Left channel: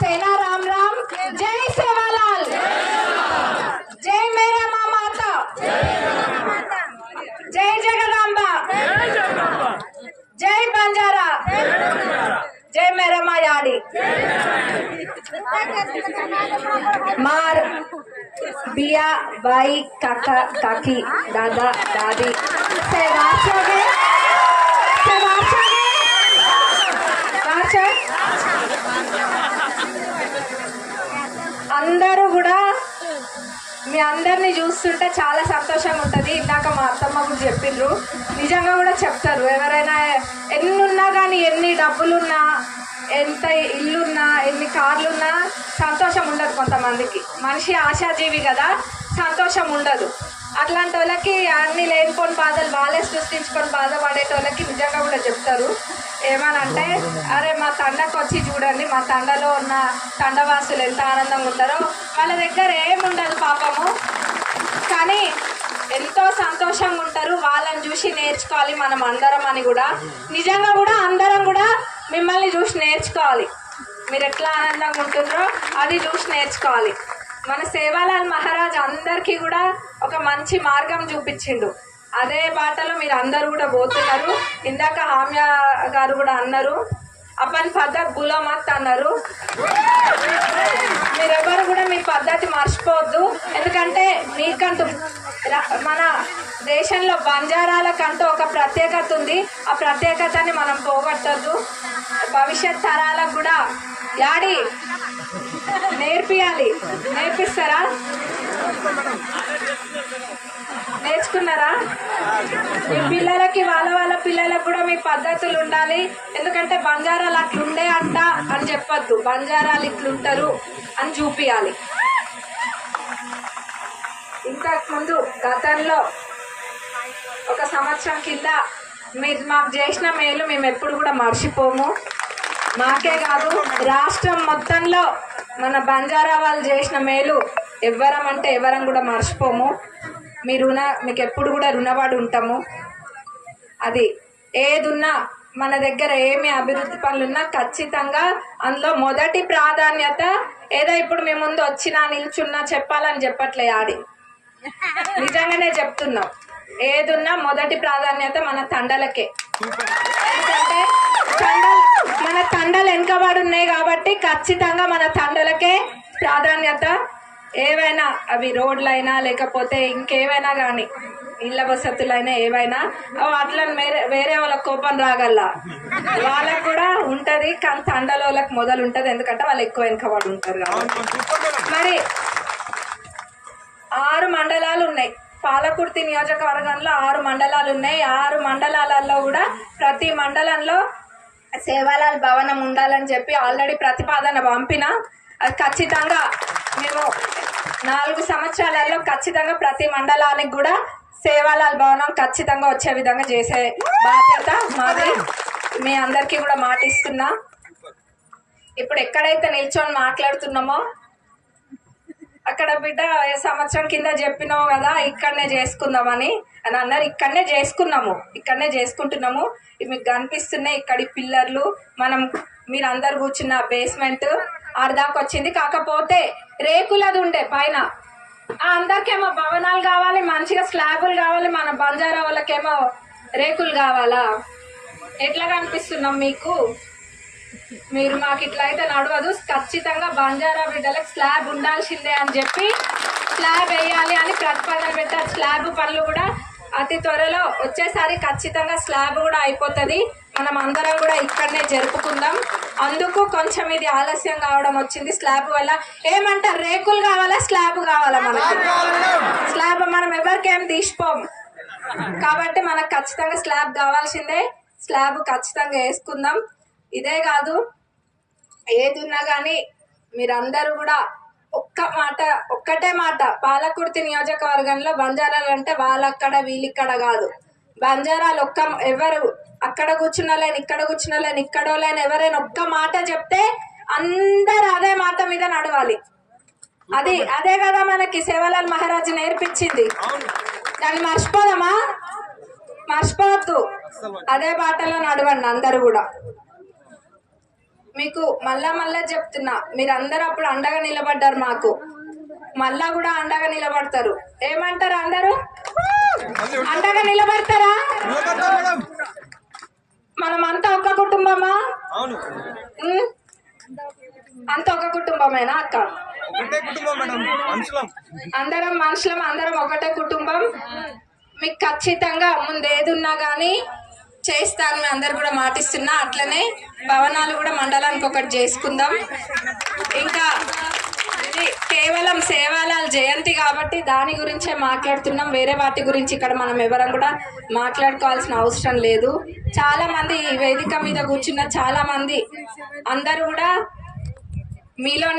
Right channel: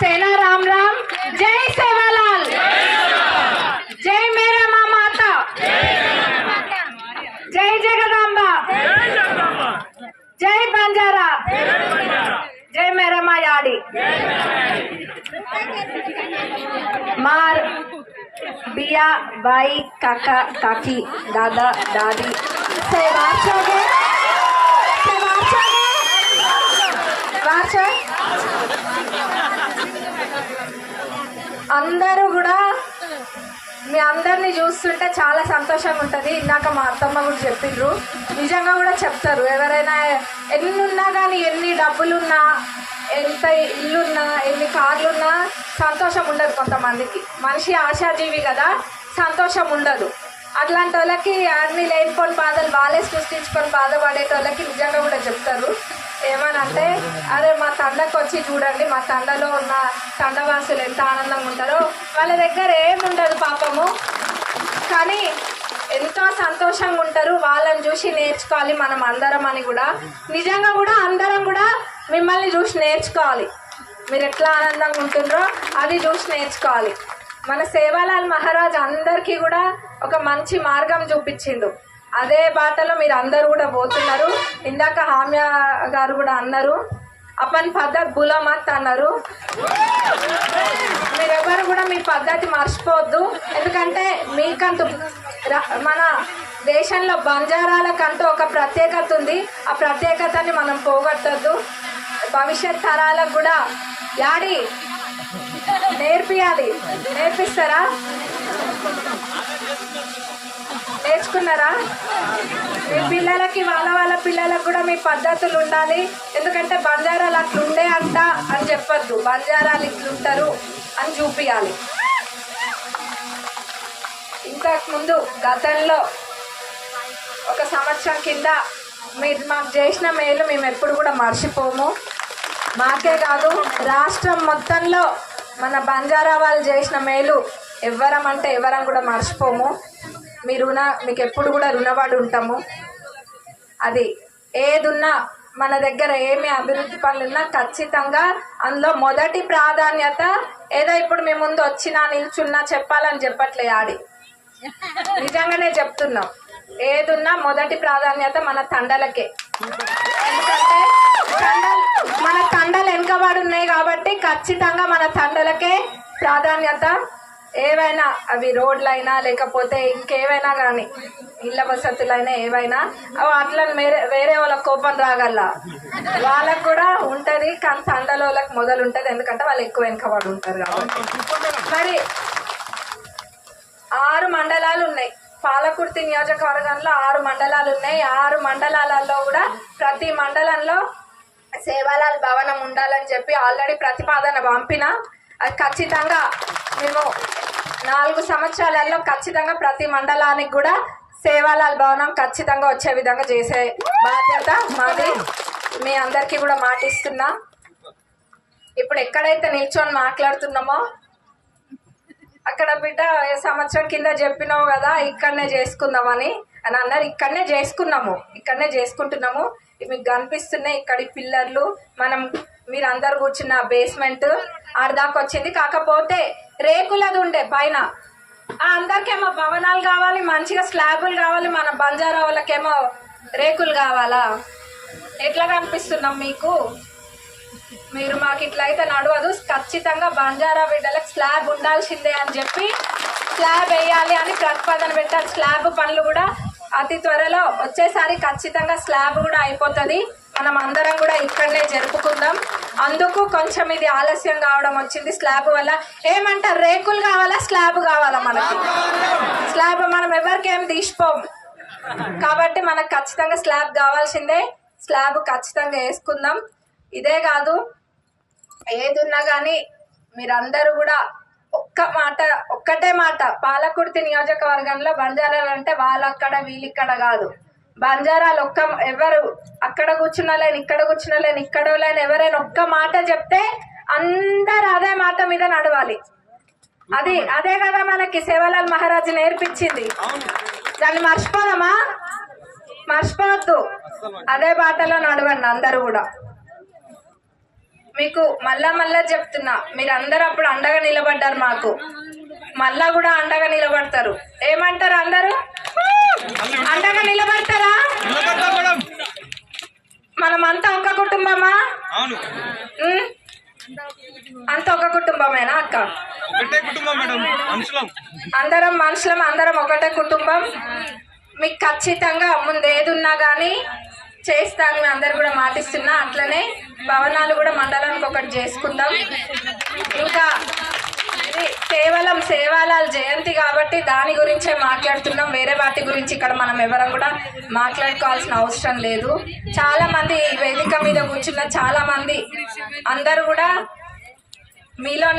सेना, राम राम। जय सेवालाल। जय मेरा माँ माता। जय जगदम्बा। जय बंजारा। जय मेरा माँ याडी। मार, बिया, बाई, काका, काकी, दादा, दादी। से वाचोगे నిజంగా కూడా చెప్తారు. ఎవరైనా ఎన్ని ఉన్నా కానీ ఎన్ని డబ్బులున్నా ఎంత ఇల్లున్నా ఎన్ని కార్లున్నా సంతోషం ఉండదు కొంతమందికి. మనిషి ఆశాజీవి కదా సంతోషం ఉండదు. అట్లాంటి వాళ్ళకి అన్ని లేనిపోని బాధలు వాళ్ళే సృష్టించుకొని బాధపడేటోళ్ళకి నిజంగా కూడా చెప్తారు. ఏమనంటే అరే మా తండకు వచ్చి చూడండి మా తండలో ఉన్న తండవాసులు ఎంత ఆనందంగా ఉంటారో. వాళ్ళ దగ్గర ఏముండదు పాపము. కానీ సంతోషంగా ఉంటారు వాళ్ళని చూసి నేర్చుకోవాలి మనం అందరం అని కూడా. నిజంగా కూడా అందరం కూడా మిమ్మల్ని చూసి నేర్చుకోవాలి. మీరు ఎట్లా ఆనందంగా ఉంటుండ్రో అది చూసి నేర్చుకోవాలి. మన సేవాలాల్ మహారాజ్ అందరికీ కూడా ఒక మంచి మార్గం చూపించిండు. అదే బాటలో మీరు అందరూ కూడా పోతున్నారు. ఇందాక హామ్య గారు కూడా అన్నారు. అపన్ పద్ధతి గులామత్ అన్నారు. మీరెవరు కూడా మీ పద్ధతి మర్చిపోవద్దు ఎందుకంటే మీకంటూ మన దేశంలో బంజారాలకంటూ ఒక ప్రత్యేకత ఉంది. ఆ ప్రత్యేకతని మనం పోగొట్టద్దు. భవిష్యత్ తరాలకు కూడా యాడి నేర్పియాలి. నేర్పిస్తారా? నేర్చుకున్నారా? మీ పిల్లలకి వాళ్ళ వాళ్ళ పిల్లలకు కూడా మీ పద్ధతులు ఉండాలి. ఎందుకంటే బంజారాలు అట్లుండే అంట అని చెప్పొద్దు. బంజారాలు ఇట్లుంటారు అని చూపించాలి ఇంతకు ముందు గతంలో ఒక సంవత్సరం కింద మీరు మాకు చేసిన మేలు మేము ఎప్పుడు కూడా మర్చిపోము. మాకే కాదు రాష్ట్రం మొత్తంలో మన బంజారా వాళ్ళు చేసిన మేలు ఎవ్వరం అంటే ఎవరం కూడా మర్చిపోము. మీ రుణ మీకు ఎప్పుడు కూడా రుణపడి ఉంటాము. అది ఏదున్నా మన దగ్గర ఏమి అభివృద్ధి పనులున్నా ఖచ్చితంగా అందులో మొదటి ప్రాధాన్యత ఏదో ఇప్పుడు మీ ముందు వచ్చినా నిల్చున్నా చెప్పాలని చెప్పట్లే ఆడి. నిజంగానే చెప్తున్నాం. ఏదున్నా మొదటి ప్రాధాన్యత మన తండలకే. ఎందుకంటే తండలు మన తండలు వెనుకబడి ఉన్నాయి కాబట్టి ఖచ్చితంగా మన తండలకే ప్రాధాన్యత. ఏవైనా అవి రోడ్లైనా లేకపోతే ఇంకేవైనా కానీ ఇళ్ళ వసతులైనా ఏవైనా అవి అట్లా వేరే వేరే వాళ్ళ కోపం రాగల వాళ్ళకు కూడా ఉంటుంది కానీ తండల వాళ్ళకి మొదలు ఉంటుంది ఎందుకంటే వాళ్ళు ఎక్కువ వెనుకబడి ఉంటారు కాబట్టి. మరి ఆరు మండలాలు ఉన్నాయి. పాలకుర్తి నియోజకవర్గంలో ఆరు మండలాలు ఉన్నాయి. ఆరు మండలాలలో కూడా ప్రతి మండలంలో సేవాలాల్ భవనం ఉండాలని చెప్పి ఆల్రెడీ ప్రతిపాదన పంపిన. ఖచ్చితంగా మేము నాలుగు సంవత్సరాలలో ఖచ్చితంగా ప్రతి మండలానికి కూడా సేవాలాల్ భవనం ఖచ్చితంగా వచ్చే విధంగా చేసే బాధ్యత మాది. మీ అందరికీ కూడా మాటిస్తున్నా. ఇప్పుడు ఎక్కడైతే నిల్చొని మాట్లాడుతున్నామో అక్కడ బిడ్డ సంవత్సరం కింద చెప్పినావు కదా ఇక్కడనే చేసుకుందామని. అని అన్నారు ఇక్కడనే చేసుకున్నాము ఇక్కడనే చేసుకుంటున్నాము. ఇవి మీకు కనిపిస్తున్నాయి ఇక్కడి పిల్లర్లు. మనం మీరు అందరు కూర్చున్న బేస్మెంట్ ఆడదాకా వచ్చింది. కాకపోతే రేకులది ఉండే పైన. అందరికేమో భవనాలు కావాలి మంచిగా స్లాబులు కావాలి మన బంజారా వాళ్ళకేమో రేకులు కావాలా? ఎట్లా కనిపిస్తున్నాం మీకు? మీరు మాకు ఇట్లయితే నడవదు. ఖచ్చితంగా బంజారా బిడ్డలకు స్లాబ్ ఉండాల్సిందే అని చెప్పి స్లాబ్ వేయాలి అని ప్రతిపాదన పెట్టారు. స్లాబ్ పనులు కూడా అతి త్వరలో వచ్చేసారి ఖచ్చితంగా స్లాబ్ కూడా అయిపోతుంది. మనం అందరం కూడా ఇక్కడనే జరుపుకుందాం. అందుకు కొంచెం ఇది ఆలస్యం కావడం వచ్చింది. స్లాబ్ వల్ల ఏమంటారు? రేకులు కావాలా? స్లాబ్ కావాలా మనకి? స్లాబ్ మనం ఎవరికేం తీసిపోం. కాబట్టి మనకు ఖచ్చితంగా స్లాబ్ కావాల్సిందే. స్లాబ్ ఖచ్చితంగా వేసుకుందాం. ఇదే కాదు ఏదున్నా కానీ మీరందరూ కూడా ఒక్క మాట ఒక్కటే మాట. పాలకుర్తి నియోజకవర్గంలో బంజారాలు అంటే వాళ్ళక్కడ వీళ్ళిక్కడ కాదు. బంజారాలు ఒక్క ఎవరు అక్కడ కూర్చున్నలేని ఇక్కడ కూర్చున్నలేని ఇక్కడో లేని ఎవరైనా ఒక్క మాట చెప్తే అందరు అదే మాట మీద నడవాలి. అది అదే కదా మనకి సేవలాల్ మహారాజ్ నేర్పించింది. దాన్ని మర్చిపోదామా మర్చిపోవద్దు. అదే బాటలో నడవండి అందరూ కూడా. మీకు మళ్ళా మళ్ళా చెప్తున్నా. మీరు అందరు అప్పుడు అండగా నిలబడ్డారు మాకు. మళ్ళా కూడా అండగా నిలబడతారు. ఏమంటారు అందరూ? అండగా నిలబడతారా? మనం అంతా ఒక కుటుంబమా? అంత ఒక కుటుంబమేనా అక్క? అందరం మనుషులం అందరం ఒకటే కుటుంబం. మీకు ఖచ్చితంగా ముందు ఏది ఉన్నా కానీ చేస్తాను అందరు కూడా మాటిస్తున్నా. అట్లనే భవనాలు కూడా మండలానికి ఒకటి చేసుకుందాం. ఇంకా కేవలం సేవాలాల్ జయంతి కాబట్టి దాని గురించే మాట్లాడుతున్నాం. వేరే వాటి గురించి ఇక్కడ మనం ఎవరం కూడా మాట్లాడుకోవాల్సిన అవసరం లేదు. చాలా మంది ఈ వేదిక మీద కూర్చున్న చాలా మంది అందరూ కూడా మీలో